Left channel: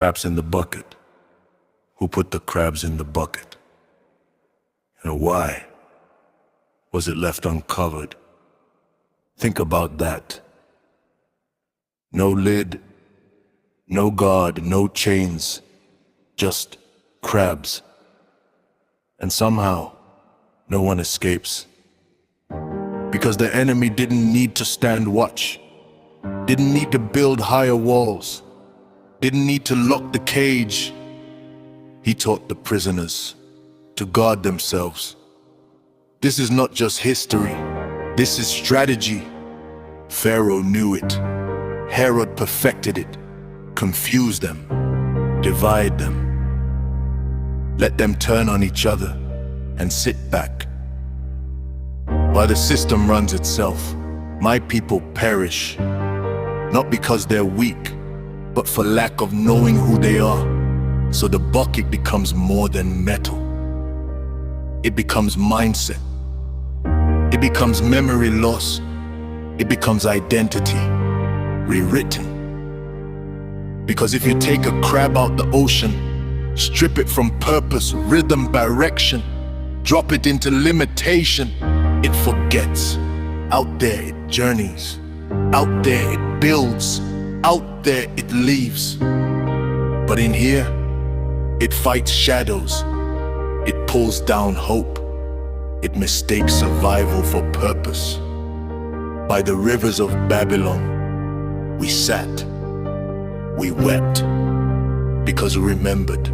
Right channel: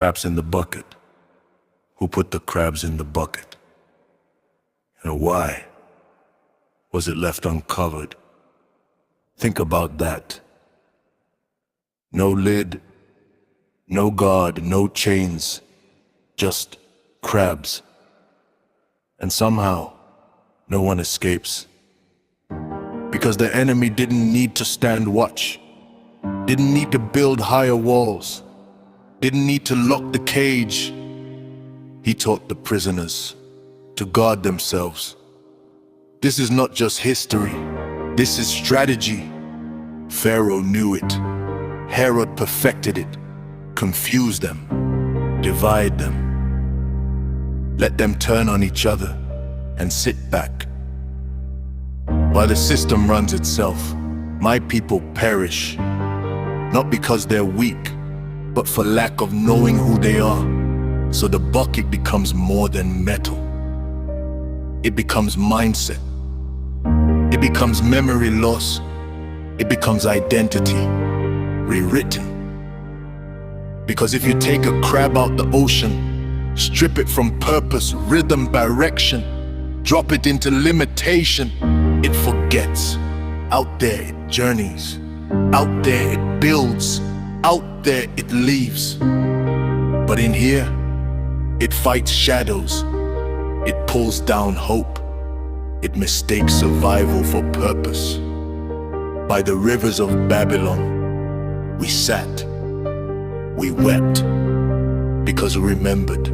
Crabs in the bucket. Who put the crabs in the bucket? And why was it left uncovered? Think about that. No lid, no guard, no chains, just crabs. And somehow, no one escapes. Because the enemy didn't need to stand watch, didn't need to build higher walls, didn't need to lock the cage. He taught the prisoners to guard themselves. This is not just history, this is strategy. Pharaoh knew it. Herod perfected it. Confuse them, divide them. Let them turn on each other and sit back. While the system runs itself, my people perish, not because they're weak, but for lack of knowing who they are. So the bucket becomes more than metal. It becomes mindset. It becomes memory loss. It becomes identity rewritten. Because if you take a crab out the ocean, strip it from purpose, rhythm, direction, drop it into limitation, it forgets. Out there it journeys. Out there it builds. Out there it leaves. But in here, it fights shadows. It pulls down hope. It mistakes survival for purpose. By the rivers of Babylon, we sat. We wept. Because we remembered.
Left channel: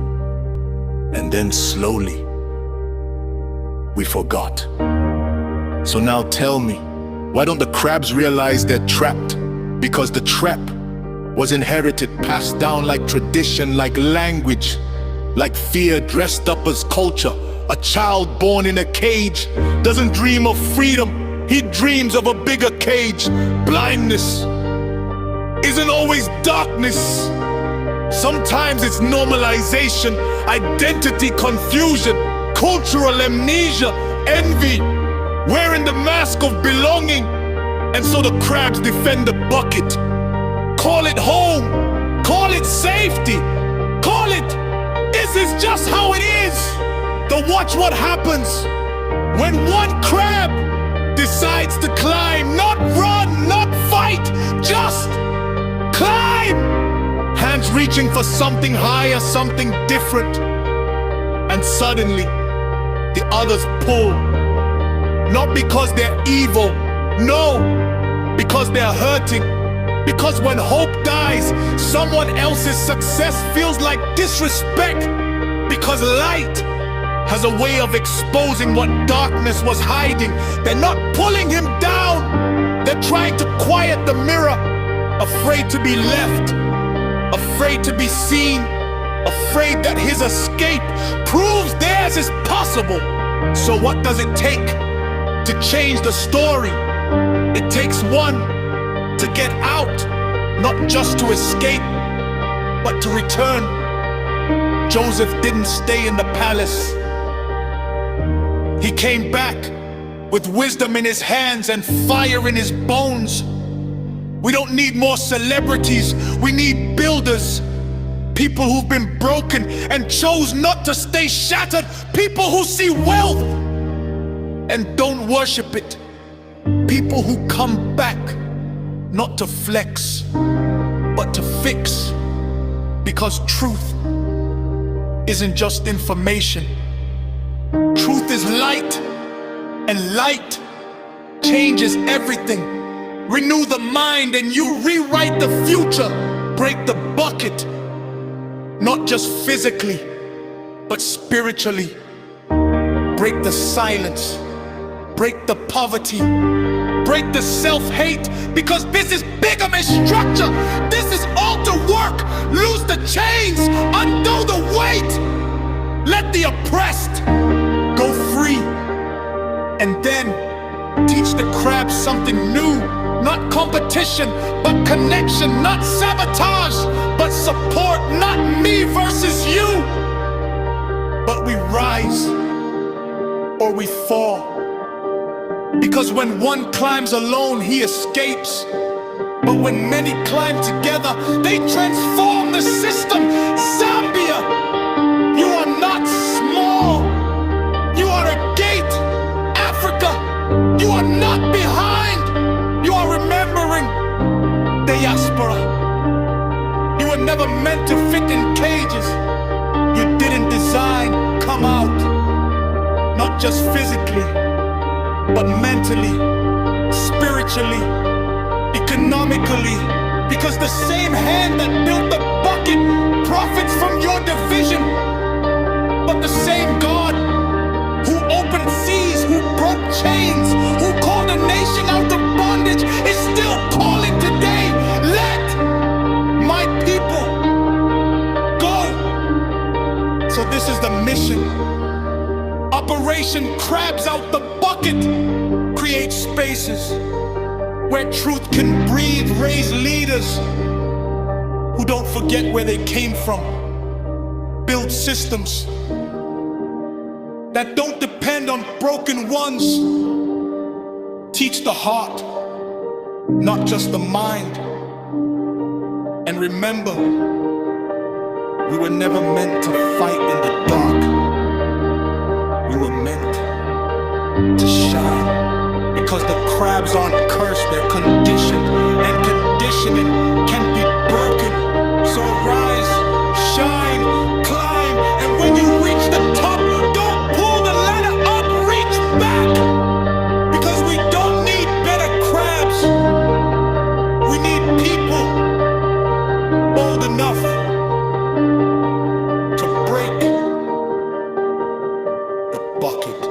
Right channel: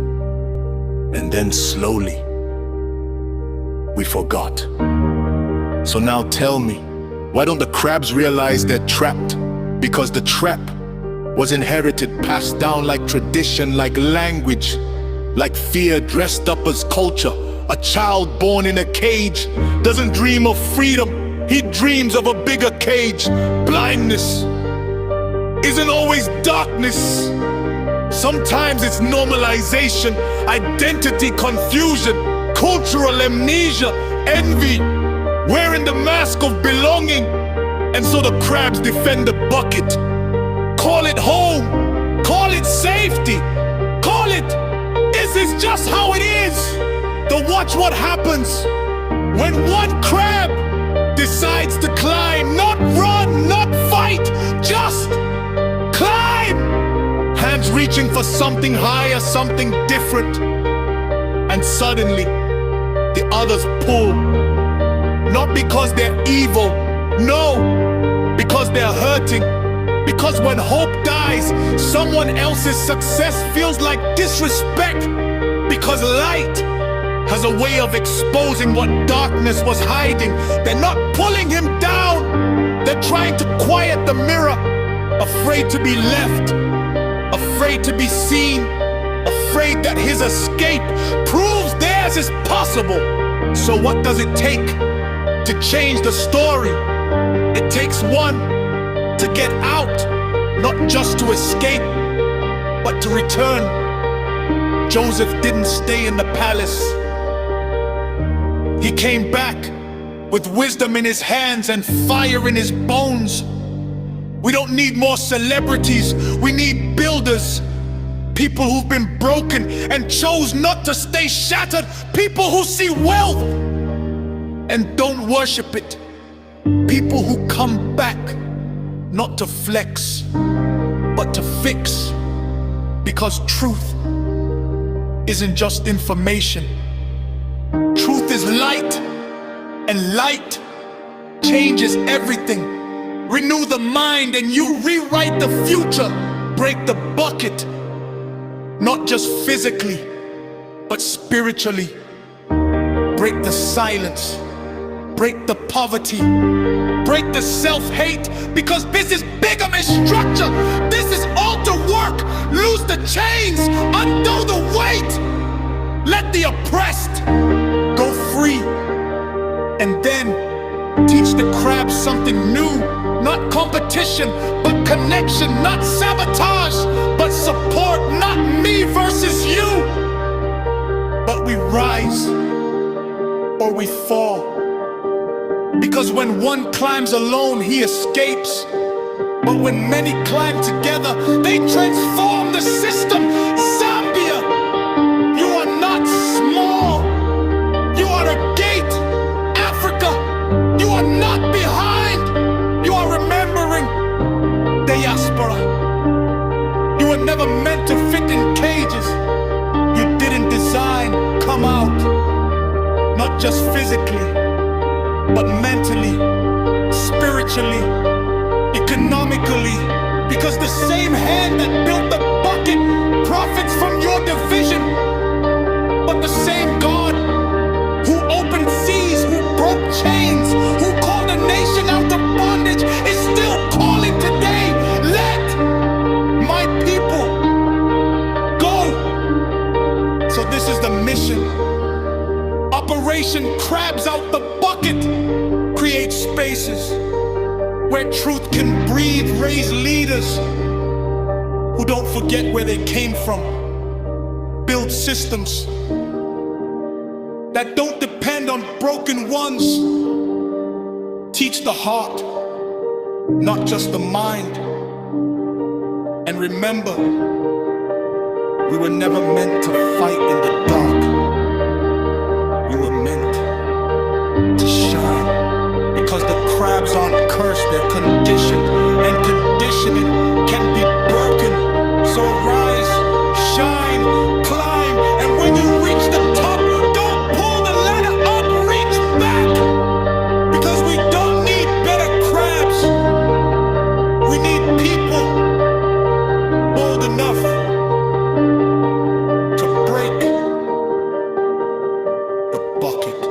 And then slowly, we forgot. So now tell me, why don't the crabs realize they're trapped? Because the trap was inherited, passed down like tradition, like language, like fear dressed up as culture. A child born in a cage doesn't dream of freedom, he dreams of a bigger cage. Blindness isn't always darkness. Sometimes it's normalization, identity confusion, cultural amnesia, envy, wearing the mask of belonging. And so the crabs defend the bucket. Call it home, call it safety, call it, this is just how it is. But watch what happens when one crab decides to climb, not run, not fight, just climb. Hands reaching for something higher, something different. And suddenly, the others pull. Not because they're evil, no, because they're hurting. Because when hope dies, someone else's success feels like disrespect. Because light has a way of exposing what darkness was hiding. They're not pulling him down. They're trying to quiet the mirror. Afraid to be left. Afraid to be seen. Afraid that his escape proves theirs is possible. So what does it take to change the story? It takes one to get out, not just to escape, but to return. Joseph didn't stay in the palace. He came back with wisdom in his hands and fire in his bones. We don't need more celebrities, we need builders. People who've been broken and chose not to stay shattered. People who see wealth and don't worship it. People who come back not to flex, but to fix. Because truth isn't just information. Truth is light, and light changes everything. Renew the mind and you rewrite the future. Break the bucket, not just physically, but spiritually. Break the silence, break the poverty, break the self-hate, because this is bigamist structure. This is altar work. Loose the chains, undo the weight. Let the oppressed go free. And then teach the crabs something new. Not competition, but connection. Not sabotage, but support. Not me versus you, but we rise or we fall. Because when one climbs alone, he escapes. But when many climb together, they transform the system. Zambia, you are not small. You are a gate. Africa, you are not behind. You are remembering. Diaspora, you were never meant to fit in cages. You didn't design come out. Not just physically, but mentally, spiritually, economically, because the same hand that built the bucket profits from your division. But the same God who opened seas, who broke chains, who called a nation out of bondage is still calling today. Let my people go. So this is the mission. Operation Crabs Out the Bucket. Create spaces where truth can breathe, raise leaders who don't forget where they came from. Build systems that don't depend on broken ones. Teach the heart, not just the mind. And remember, we were never meant to fight in the dark. We were meant to shine. Because the crabs aren't cursed, they're conditioned. And conditioning can be broken. So rise, shine, climb. And when you reach the top, don't pull the ladder up, reach back. Because we don't need better crabs. We need people bold enough to break the bucket.